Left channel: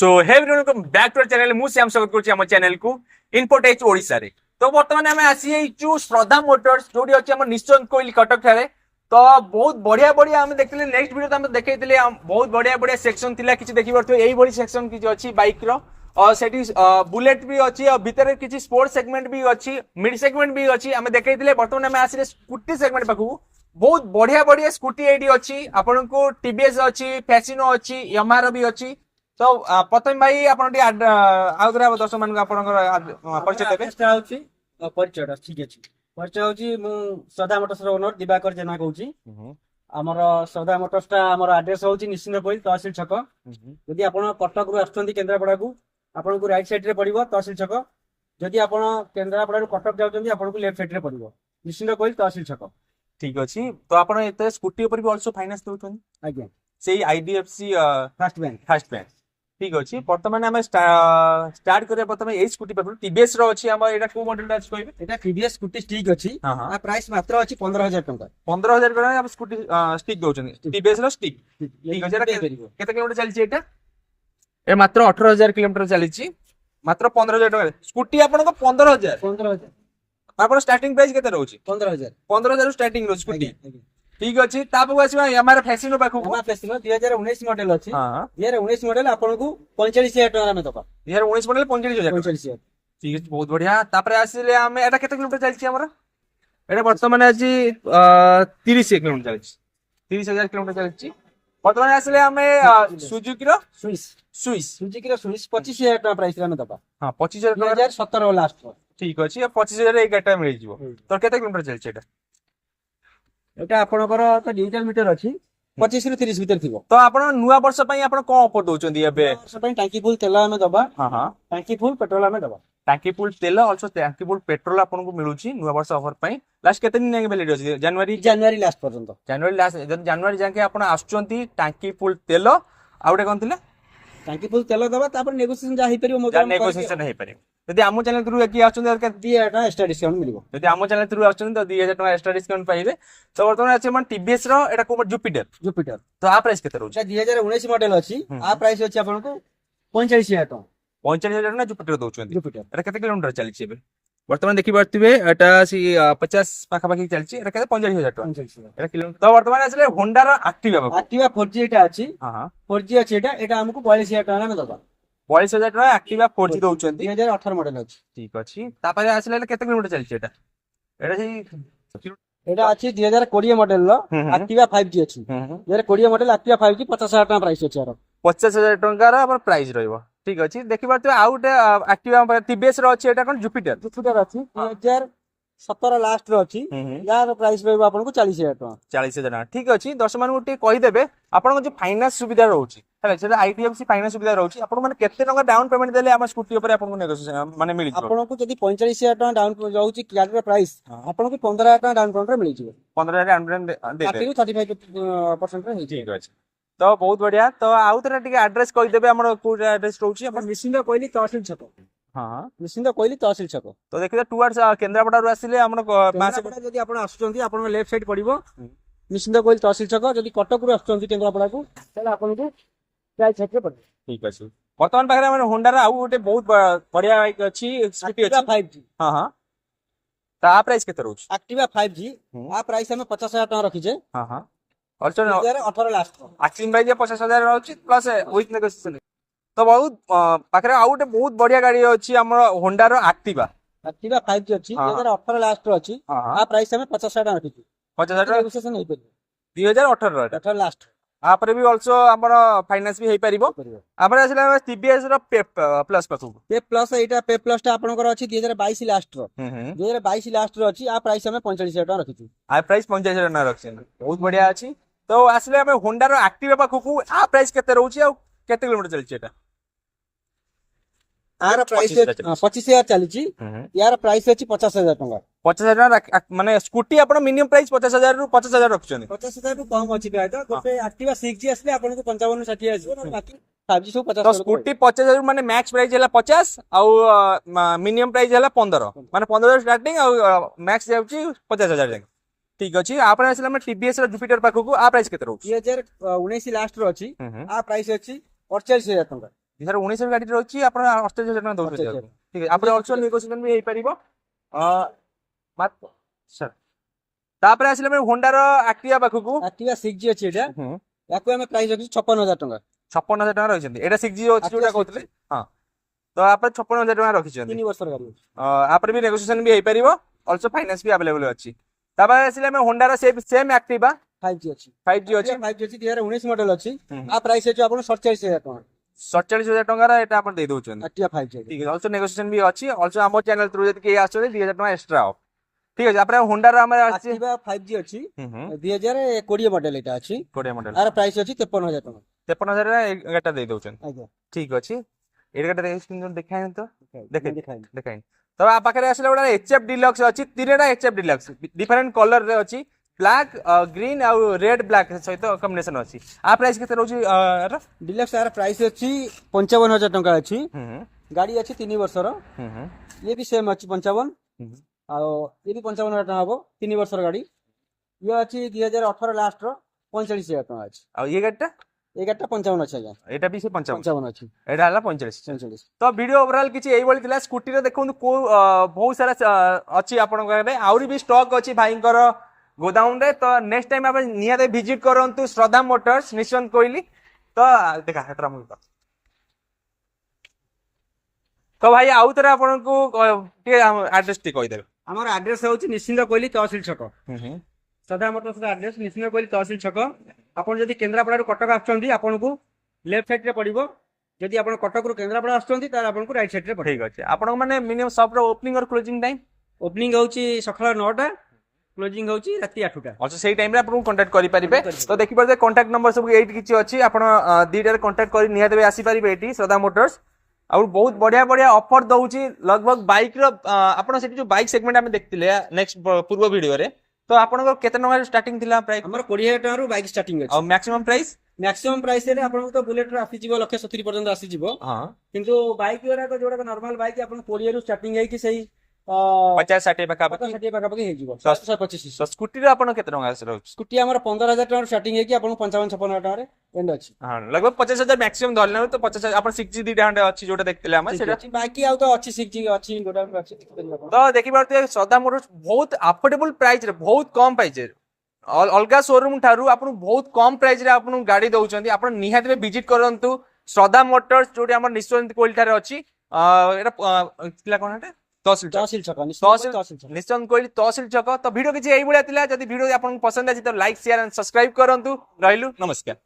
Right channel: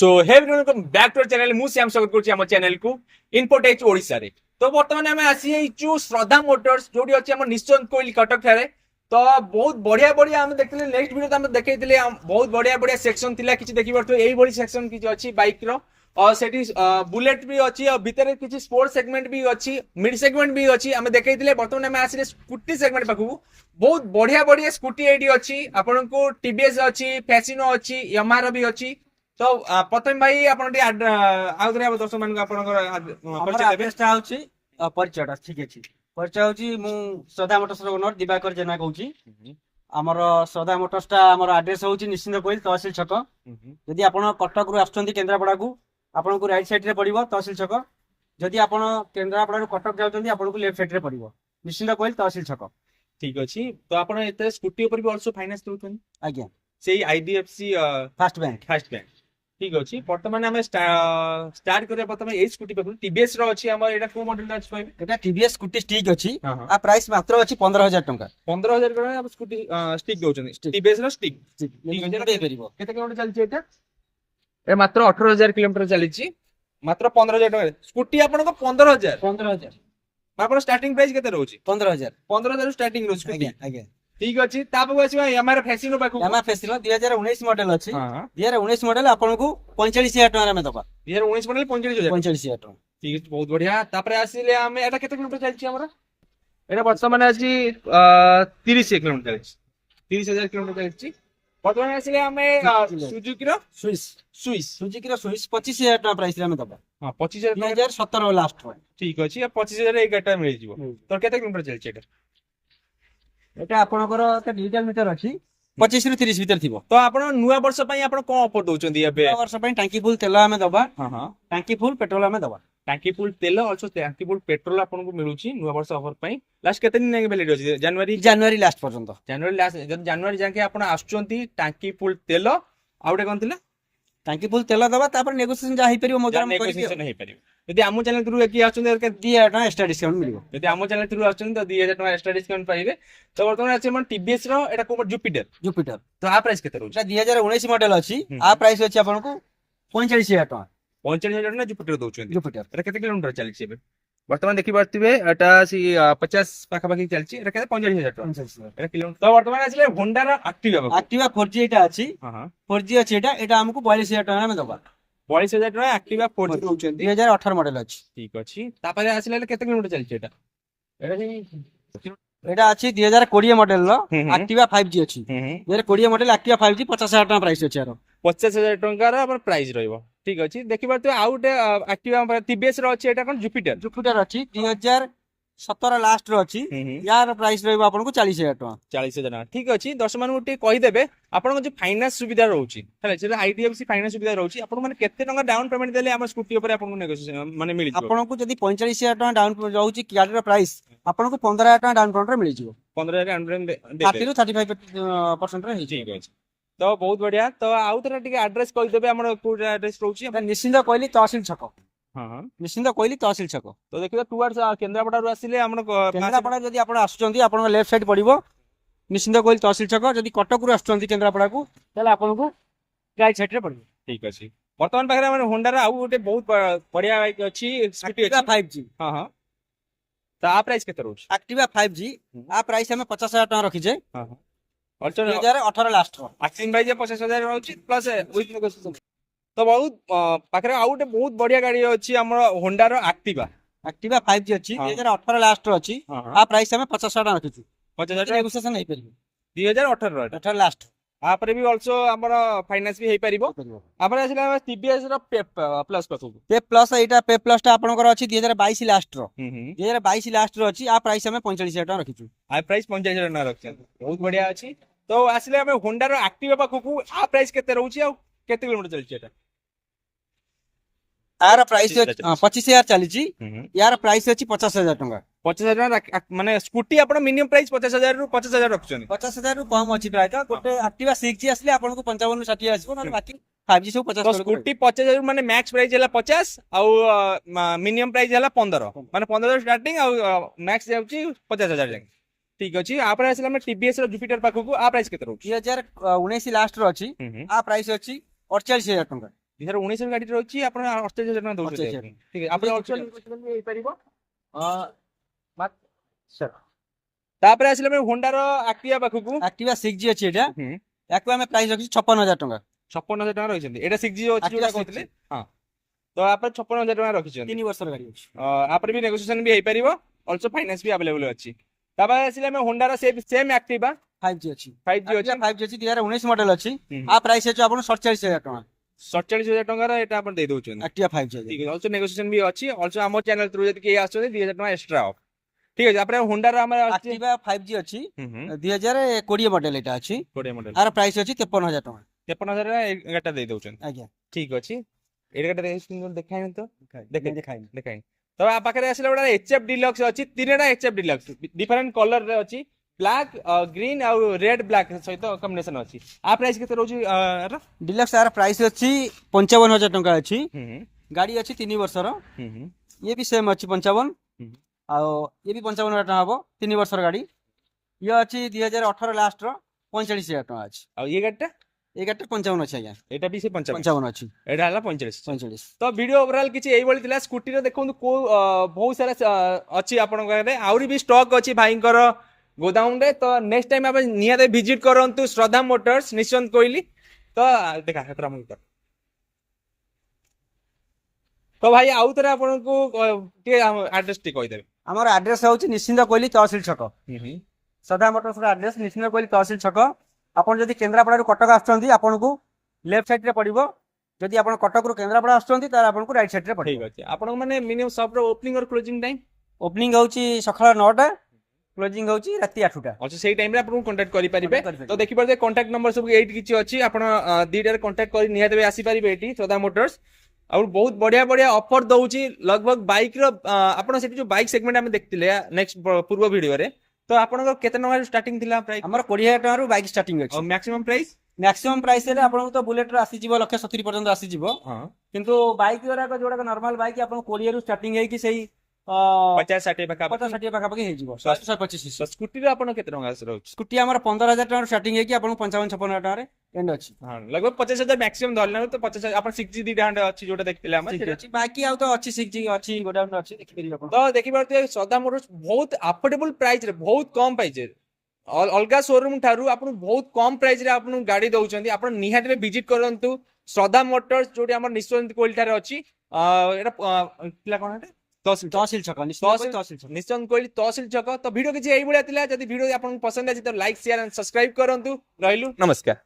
So hey welcome back to channel मु श्याम स्वागत करछि हम चैनल को इनपोटेच ओडिसा रे। तो वर्तमान आम आसी एचु श्रद्धा मोटर्स जोडी अछि हम निश्चंत कोइल कटक थारे। तो बहुत बढ़िया बढ़िया हम देखले नेक्स्ट वीडियो हम देखैतिले बहुत बढ़िया बढ़िया सेक्शन थिला किछि देखि परथो एई बडी सेक्शन किछि अछि बाइक रो और सेठी बुलेट भी अछि और भीतर किछि स्पोर्ट्स सेगमेंट भी अछि मिड सेगमेंट भी अछि हम देखैतिले। वर्तमान आम आसी स्कूटी सेगमेंट पाखु बहुत बढ़िया बढ़िया स्कूटी एडी अछि आपन को टीवीएस अछि फैसिनो अछि यामाहा भी अछि। तो प्रथम भाई आपण आउथरे दर्शक मान परिचय देबे परिचय ठीक अछि। परिचय होची मु श्रद्धा मोटर्स रो ओनर दिवाकर जेना कहूची। हमर श्रद्धा मोटर्स ता हमर एड्रेस होची निश्चिंत कोइल तहसील छक। यदि आपण कटक रु आछथि केन्द्रापड़ा को आपण को राइट साइड रे पड़िबो तहसील छक। यदि आपण केन्द्रापड़ा रु कटक जाउछथि आपण को लेफ्ट साइड रे पड़िबो निश्चिंत कोइल तहसील छक। ठीक अछि। तो आपण एते स्कूटी ऊपर भी आल्सो फाइनेंस दोछन आज्ञा सेही आईडीएफसी फर्स्ट बैंक। ठीक अछि। वर्तमान हम स्टार्ट करिया प्रथम ए स्कूटी पर टीवीएस रो अछि हमर एटा को मॉडल अछि कहबे एटा टीवीएस स्कूटी स्टिक अछि आ प्राइस मात्र अछि 15000 टका। 15000 टका हम स्कूटी स्टिक दोछन टीवीएस रो स्टिक। ठीक अछि। केते किलोमीटर चलछि एटा ए मात्र 18000 किलोमीटर चलछि मात्र 15000 टका स्कूटी आपन को 15000 आपन स्टार्टिंग प्राइस केते रहउछि 15000 स्टार्टिंग रो स्कूटी। आज्ञा ठीक अछि। ताप आसीबा यामाहा फैसिनो पाखु यामाहा फैसिनो 2019 मॉडल अछि। 2019 मॉडल आपन को 45000 टका में दबा 2019 मॉडल 45000 टका। ठीक अछि बहुत बढ़िया। तापर आसीले हमें एटा केते किलोमीटर चलछि हमरा एटा वर्तमान अछि 30 किलोमीटर चलछि 30000 किलोमीटर चलछि। वर्तमान आसीले हमें सुजुकी रो स्विस 25000 टका प्राइस रे में दबा। हां 25000 2017 लास्ट रो। ठीक अछि। 25000 एक गाटा मिल जिवो तो केते किलोमीटर चलछि एटा एटा आपनकर त डिजिटल मीटर अछि 25 रु 30 भीतर थिबो। तो आपण नुवा वर्ष पई आपण को ऑफर दोचंदी एबे नुवा वर्ष पई टंकी फुल तेल हमें दबा। हां टंकी फुल पेट्रोल हमें दबा। टंकी फुल तेल आल्सो टंकी फुल पेट्रोल आपन को मिलुची नुवा वर्ष ऑफर पई। लास्ट केते दिन वैलिडिटी अछि जनवरी लास्ट पर्यंत जनवरी लास्ट जनवरी जाके आपण आछुचंती टंकी फुल तेल आउटे कोन थिला टंकी फुल तेल दबा तापर नेगोशिएशन जा हे परिबो मजा नेगोशिएशन हे परिबो। यदि आमो चैनल थ्रू एकी आछुंती के 2000 टका एक्स्ट्रा डिस्काउंट मिलिबो। यदि आमो चैनल थ्रू आछुंती तो 2000 टका एक्स्ट्रा डिस्काउंट पाइबे। तो वर्तमान अछि मन टीवीएस रो एटा को जुपिटर तो आ प्राइस केते रहउची 2019 मॉडल अछि आ प्राइस अछि आपन को 45000 टका 45000 ना जुपिटर दोचंती जुपिटर एटा केते किलोमीटर चलछि एबे वर्तमान देखि पारथिबे एटा 50 पाखा पाखी चलछि एटा केते 45000 टका एटा किलोमीटर। तो वर्तमान आछले होंडा रो एक्टिवा 4G एटा अछि। हां 4G अछि एटा हमको 42000 टका में दबा 42000 टका एक्टिवा 4G दोचंती 2018 मॉडल अछि। ठीक अछि। तापर आछले केते किलोमीटर चलछि एटा सेही एटा अछि 2020 मॉडल रो एक्टिवा 5G अछि। 2020 मॉडल एक्टिवा 5G 50000 टका प्राइस अछि यार 50000 टका रो अपन प्राइस रहइबो। ठीक अछि। देखि पारथिबे आउट एक्टिवा टीवीएस रो अछि एटा कोन जुपिटर अछि 2017 लास्ट रो अछि यार प्राइस रहइबो आपन को 40000 टका 40000 टका। ठीक अछि। दर्शक मान उठी कहि देबे आपन को जे फाइनेंस सुविधा रहउची हैला सेटा आईडीएफसी फाइनेंस सुविधा रहउची आपन माने केते टका डाउन पेमेंट देले हमर स्कूटी ऊपर आपन को नेगोशिएशन माने मिलि जिवो। आपन को जदी 45000 टका डाउन रहउची गाड़ी रो प्राइस आपन को 15000 टका डाउन पेमेंट रे मिलि जिवो 15000 डाउन पेमेंट दे 35% रे ठीक अछि। तो बहुत बढ़िया। तो आउ तरा टिके एड्रेस कहि देबे हमर को एड्रेस रहउची अपन निश्चिंत कोइली तहसील छक। हां निश्चिंत कोइली तहसील छक। तो देखिबे टुवर्ड्स केन्द्रापड़ा रु आसीले हमर केन्द्रापड़ा जदी आपण आछुचंती आपण लेफ्ट साइड पड़िबो निश्चिंत कोइली तहसील छक। जदी कटक रु आछुचंती केन्द्रापड़ा को तले आपण को राइट साइड रे पड़िबो। ठीक अछि। वर्तमान पाखरे हमर होंडा रा आउ गोटे बहुत बढ़िया बाइक अछि स्कूटी अछि 5G। हां ता प्राइस केते रहउची एक्टिवा 5G आ प्राइस हमें 50000 टका रखी छै। हां ऑल्सो 2018 लास्ट एक्सिन प्राइस 50000 रहउची प्लस विथ नेगोशिएशन। तो बहुत पाखरे आउ गोटे बहुत बढ़िया गाड़ी अछि हमर होंडा रो एक्टिवा 5G अछि 2018 लास्ट रो अछि आ प्राइस हमें 50000 टका रखी छी 50000 टका नेगोशिएशन हे परिबो 2018 रो 18 लास्ट आ पर भी ऑल्सो हमर फाइनेंस भी हे परिबो। आपर आसीला टीवीएस रो पे प्लस पाखु पे प्लस एटा पे प्लस ता आपनकर अछि 2022 लास्ट रो 2022 लास्ट रो अछि आ प्राइस हमें 45000 टका रखी छी आ प्राइस 45000 टका रखछन बहुत बढ़िया अछि। तो आसीले हमें होंडा रो एक्टिवा पाखु आ प्राइस केते रहउची आ केते किलोमीटर चलछि एटा आर प्राइस 25000 चलीची यार प्राइस अछि 50000 टका 50000 टका माने स्कूटी आपण मिनिमम प्राइस 50000 रु 50000 रखछन 50000 रु कम अछि प्राइस गोटे एक्टिवा 6G असले आपण को 55 60 आसी न बाकी 5G सब 50 तो स्कूटी 50000 माने मैक्स प्राइस हला 50 आ मिनिमम प्राइस हला 15 माने 15000 स्टार्टिंग आ मैक्स जाउची 50000 जाके। ठीक अछि। आपन आसीला हम टीवीएस रो जुपिटर पाखु को आ प्राइस केते रहउची 2019 लास्ट रो अछि आ प्राइस अछि 48000 टका 2019 ଗାଡି ରହିଛି ଆପଣ 48,000 ଟଙ୍କା ଦଉଛନ୍ତି 48,000 ଠିକ ଅଛି ଆପଣ ଅଲସୋ ନେଗୋସିଏସନ ବି ହେଇପାରିବ ସର ତାପରେ ଆସିଲେ ଆମେ ହୋଣ୍ଡାର ଆକ୍ଟିଭା ପାଖକୁ Activa 6G ଅଛି ଏଟା ୟାକୁ ଆମେ ପ୍ରାଇସ୍ ରଖିଛୁ 56,000 ଟଙ୍କା 56,000 ଟଙ୍କା ରହିଛନ୍ତି ଏଇଟା 6G ଅଛି Activa ଯୋଉଟା 6G କହୁଥିଲେ ହଁ ତ ଆପଣ 56,000 ଟଙ୍କା ରଖିଛନ୍ତି 3 ବର୍ଷର ଗାଡି ଅଛି ଆପରେ ବି ନେଗୋସିଏସନ ବି ହେଇପାରିବ ଅଲସୋ ଫାଇନାନ୍ସ ବି ଆଭେଲେବଲ ଅଛି ତାପରେ ଆସିଲେ ଆମେ ହୋଣ୍ଡାର ସେମ୍ ଆକ୍ଟିଭା 5G ଅଛି 5G ଅଛି 5G ଅଛି 2019 ମଡେଲ ଅଛି ଆ ପ୍ରାଇସ୍ ଅଛି ଆପଣ 47,000 ଟଙ୍କା 47,000 ଟଙ୍କାର ଏଟା ଆପଣ ଦେଇ ଦଉଛନ୍ତି Activa 5G ଅଛି ঠিক আছে অলসো নেগোসিয়েশন भी ଅଛି অলসো ଆମ ଚ୍ୟାନେଲ ଥ୍ରୁ ଯଦି କେହି ଆସୁଛନ୍ତି 2,000 ଟଙ୍କା ଏକ୍ସଟ୍ରା ଅଫ ঠিক আছে ତାପରେ ହୋଣ୍ଡାର ଆମର ଅଛି Activa 5G ଅଛି 2020 ମଡେଲ ଏଟା ଅଛି 20 ମଡେଲ ଆର ପ୍ରାଇସ୍ ଅଛି 53,000 ଟଙ୍କା 53,000 ଏଗାରଟା ଦେଇ ଦଉଛନ୍ତି ଆଜ୍ଞା ଠିକ ଅଛି ଏଗାରଟା ଦେଖାଇନି ତ ଦେଖାଇ ଦେଖାଇନି ତ ଆ ପାଖରେ ଆସିଲା ଗୋଟେ HF ଡିଲକ୍ସ ଅଛି ତିନିଟା HF ଡିଲକ୍ସ ଡିଫରେଣ୍ଟ କଲର ରେ ଅଛି ବ୍ଲାକ୍ ଗ୍ରୀନ ଆଉ ରେଡ୍ ବ୍ଲାକ୍ ସହିତ କମ୍ବିନେସନ ଅଛି ଆ ପ୍ରାଇସ୍ କେତେ ରହୁଛି ଡିଲକ୍ସ ଆର ପ୍ରାଇସ୍ ଅଛି 55,000 ଟଙ୍କା ଅଛି ଗାଡି ଅଛି 3 ବର୍ଷର ଇଏ ବି ସେମ୍ ଅଛି 55 ଆଉ ଇଏ ବି 55,000 ଟଙ୍କା ହବ 3 ବର୍ଷର ଗାଡି ଇଏ ଅଛି 2018 ଲାଷ୍ଟ ର 45,000 ଟଙ୍କା ଅଛି ଆଉ ଇଏ ଗାଡିଟା এই গাড়িটা 55 ଅଛି ଆଜ୍ଞା ଏଟା ବି ସେ 55 55 ଅଛି ଏଟା ହେଲା 45 45 ତ ଭିଡିଓ ଓଭରାଲ କିଛି ଏଇଭଳି ଥିଲା ସ୍କୁଟିରେ ଦେଖନ୍ତୁ କୋଉ ବହୁତ ସାରା ଅଛି ଆପଣଙ୍କ ପାଖରେ ଆହୁରି ବି ଷ୍ଟକ୍ ଅଛି ଭାଇଙ୍କର ଗୋଦାମ ରେ ତ ନେକ୍ସଟ ଟାଇମ ଆପଣ ନିହାତି ଭିଜିଟ କରନ୍ତୁ ଶ୍ରଦ୍ଧା ମୋଟର୍ସ ନିଶ୍ଚନ୍ତ କୋଇଲି ତ ଦେଖା ହେତରା ମୁଁ ତ ଭାଇ ଆଉ ଥରେ ଆପଣଙ୍କୁ ଟିକେ ଆଡ୍ରେସ ଟିକେ କହିଦେବେ ଆମର ଆଡ୍ରେସ ହେଉଛି ନିଶ୍ଚିନ୍ତ କୋଇଲି ତହସିଲ ଛକ ଶ୍ରଦ୍ଧା ମୋଟର୍ସର ଆଡ୍ରେସ ନିଶ୍ଚିନ୍ତ କୋଇଲି ତହସିଲ ଛକ ଆପଣ ଯଦି କେନ୍ଦ୍ରାପଡ଼ାରୁ କଟକ ଆସୁଛନ୍ତି ଆପଣଙ୍କୁ ଲେଫ୍ଟ ସାଇଡରେ ପଡିବ ଯଦି ଆପଣ କଟକରୁ କେନ୍ଦ୍ରାପଡ଼ା ଆସୁଛନ୍ତି ତାହେଲେ ଆପଣଙ୍କୁ ରାଇଟ୍ ସାଇଡରେ ପଡିବ ଠିକ ଅଛି ଆପଣଙ୍କ ମାନେ ମିନିମମ୍ ସପର ଓପନିଂ ଅର କ୍ଲୋଜିଂ ଟାଇମ ଓପନିଂ ହେଉଛି ସକାଳ 9ଟା କ୍ଲୋଜିଂ ହେଉଛି ରାତି 8ଟା also ସେଇ ଟାଇମ ରେ ଆପଣଙ୍କୁ କଣ୍ଟାକ୍ଟ କରିପାରିବେ ତ ଦେଖିପାରୁଥିବେ କଣ୍ଟାକ୍ଟ ନମ୍ବର ସବୁ ଏଇଠି କିଛି ଅଛି ଆପଣ ଦିଟାରେ କଣ୍ଟାକ୍ଟ କରି ନିହାତି ଭାବେ ଆସିପାରିବେ ଏଠି ଶ୍ରଦ୍ଧା ମୋଟର୍ସ ଆଉ ବହୁତ ବଢିଆ ବଢିଆ ଅଫର ଦଉଛି लगभग ବାଇକ ର ଆପଣ ସେଠି ଯୋଉ ବାଇକ ସେଗମେଣ୍ଟ ଆମେ ଦେଖିଥିଲେ ନେକ୍ସଟ ପୂର୍ବ ଭିଡିଓରେ ତ ଆପଣଙ୍କର କେତେ ଟଙ୍କା ଷ୍ଟାର୍ଟିଂ ଥିଲା ପ୍ରାଇସ୍ ଆମର 20,000 ଟଙ୍କାରୁ ବାଇକ୍ ଷ୍ଟାର୍ଟିଂ ଅଛି ଆଉ ମ୍ୟାକ୍ସିମମ୍ ପ୍ରାଇସ୍ ମ୍ୟାକ୍ସିମମ୍ ପ୍ରାଇସ୍ ରେ ଆପଣଙ୍କୁ ତ ବୁଲେଟର ଆସିଯିବ 170 ପର୍ଯ୍ୟନ୍ତ ଆସିଯିବ ହଁ କିନ୍ତୁ ବାଇକ୍ ଗୁଡାକ ଯୋଉଟା ନର୍ମାଲ ବାଇକ୍ ଆପଣ 20 ରୁ ଷ୍ଟାର୍ଟିଂ ହେଇକି ସେଇ 50-60 ପାଖାପାଖି 50-60 ପାଖାପାଖି ହେଇଯିବ ତ 125 ସ୍କୁଟିରେ ଆପଣ କେତେ ଟଙ୍କା ରହୁଛି ସ୍କୁଟି ଆମର 15,000 ଟଙ୍କାରୁ ଷ୍ଟାର୍ଟିଂ ହେଇକି ଆପଣଙ୍କୁ 55-56 ଟଙ୍କାରେ ଏଣ୍ଡ ଅଛି ହଁ लगभग 50,000 ମ୍ୟାକ୍ସିମମ୍ ଧରିଲା ତ 50,000 ଆପଣ 6G ଦିଟା ଖଣ୍ଡେ ଅଛି ଯୋଉଟା ଦେଖିଥିଲେ ଆମେ ସେଟା ଅଛି ବାକି ଆଉ ତ ଅଛି 6G ଅଛି ଗୋଟା ଅଛି ଦେଖିପାରିବେ ଆପଣ ତ ଦେଖିପାରୁଥିବେ ଶ୍ରଦ୍ଧା ମୋଟର୍ସ ବହୁତ ଆଫୋର୍ଡେବଲ ପ୍ରାଇସ୍ ରେ ବହୁତ କମ ପ୍ରାଇସ୍ ରେ ଅଲଗା ଶୋରୁମ ଠାରୁ ଆପଣଙ୍କୁ ବହୁତ କମ ପ୍ରାଇସ୍ ରେ ଆପଣଙ୍କୁ ଗାଡି ଦଉଛନ୍ତି ଆପଣ ନିହାତି ଭିଜିଟ କରନ୍ତୁ ଶ୍ରଦ୍ଧା ମୋଟର୍ସ ଯୋଉଠି ଆମର ନିଶ୍ଚନ୍ତ କୋଇଲି ଠାରେ ଅଛି ଏଟା ଥିଲା କଣ ଏଟା ତହସିଲ ଛକ ନିଶ୍ଚନ୍ତ କୋଇଲି ତହସିଲ ଛକ ତ ଭିଡିଓ କିଛି ଏଇଭଳିଆ ଥିଲା ଯଦି ଭିଡିଓ ଆପଣଙ୍କୁ ପସନ୍ଦ ଅଛି ତ ଲାଇକ୍ ସେୟାର ଆଣ୍ଡ ସବସ୍କ୍ରାଇବ କରନ୍ତୁ ରହିଲୁ ନମସ୍କାର